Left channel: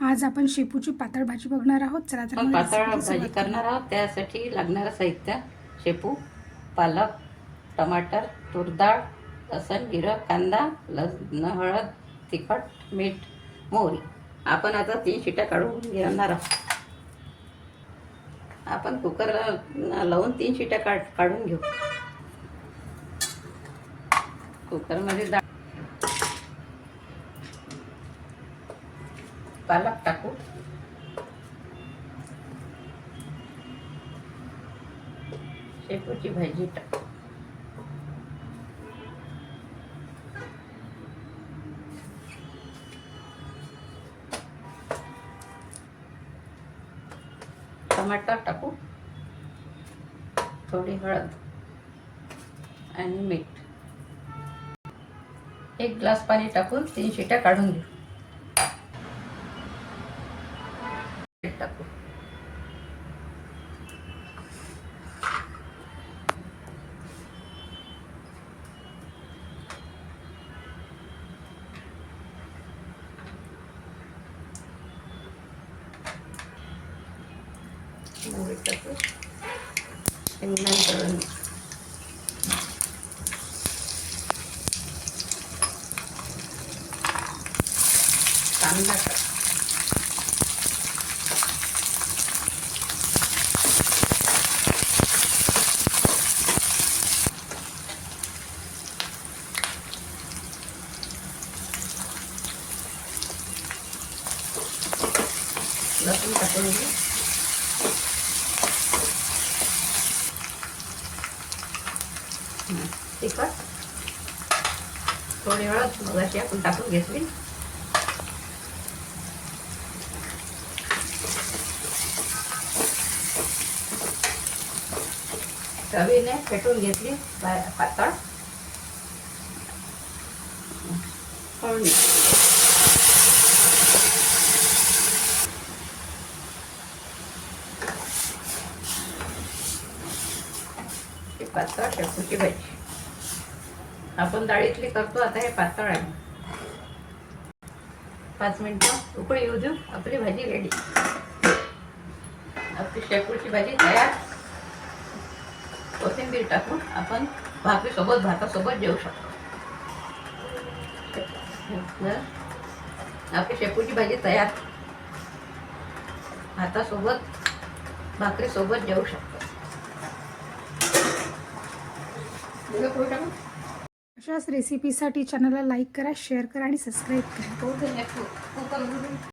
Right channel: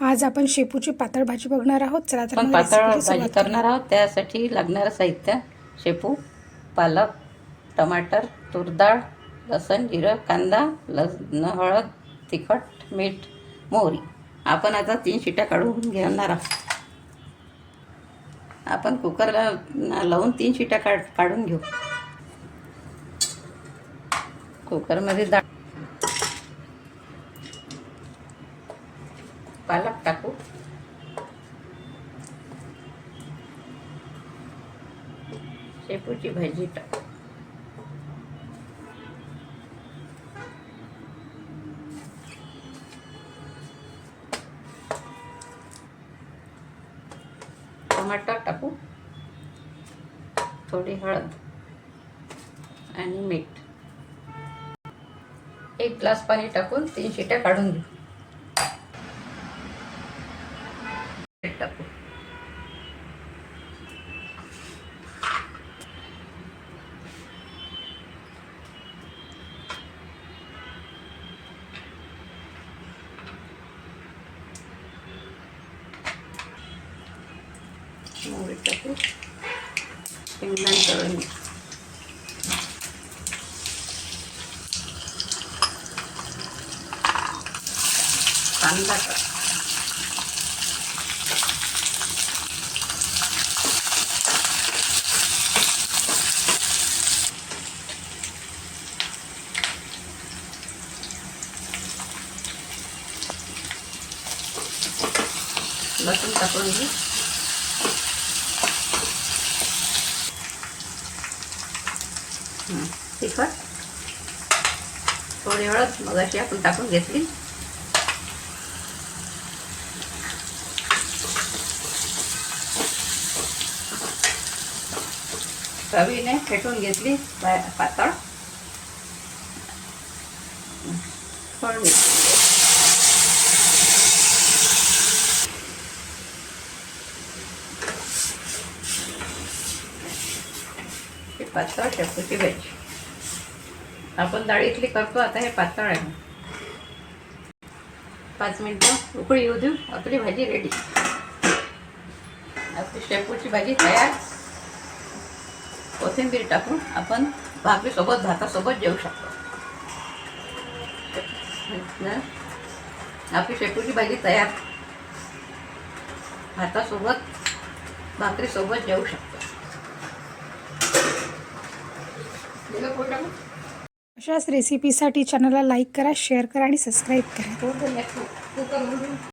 आज आपण शेपूची पातळ भाजी बघणार आहोत. चला तर मग पातळ रेसिपीची भाजी सुरुवात करणार आहोत. त्यासाठी लागणारं साहित्य: शेपू, पालक, टमाटर, तूर डाळ, लसूण, जिरं, कांदा, हळद, तिखट, मीठ, मोहरी. आपण आता 3 शिट्या काढून घेणार आहोत. आपण कुकरला लावून 3 शिट्या काढून घेऊ. कुकरमध्ये डाळ, पालक टाकू, शेपूची भाजी टाकू, टमाटर टाकू, थोडी हळद आणि मीठ. 1 ग्लास पाणी टाकून 3 शिट्या काढून घेऊ. मीठ टाकू, मोहरी टाकू, शेंगदाणे तळून घे, कांदा टाक, लसूण टाकून घे, तिखट, थोडी हळद मगाशी आपण टाकून घेतली, चवीने फेटून घेतली पातळ, फोडणी. पातळ शेपूची भाजी आपण डाळीतली करतो. आता हे पातळ आहे. 5 मिनिटं उकळी येऊ देऊ. आपली भाजी रेडी. आपली शेपूची भाजी तयार. कोथिंबीर टाकून आपण भाकरीसोबत भातासोबत जेवू शकतो. आपली शेपूची भाजी तयार. भातासोबत भाकरीसोबत जेवू शकतो. अशाच रेसिपीसाठी चॅनलला लाईक करा, शेअर करा आणि सबस्क्राईब करा.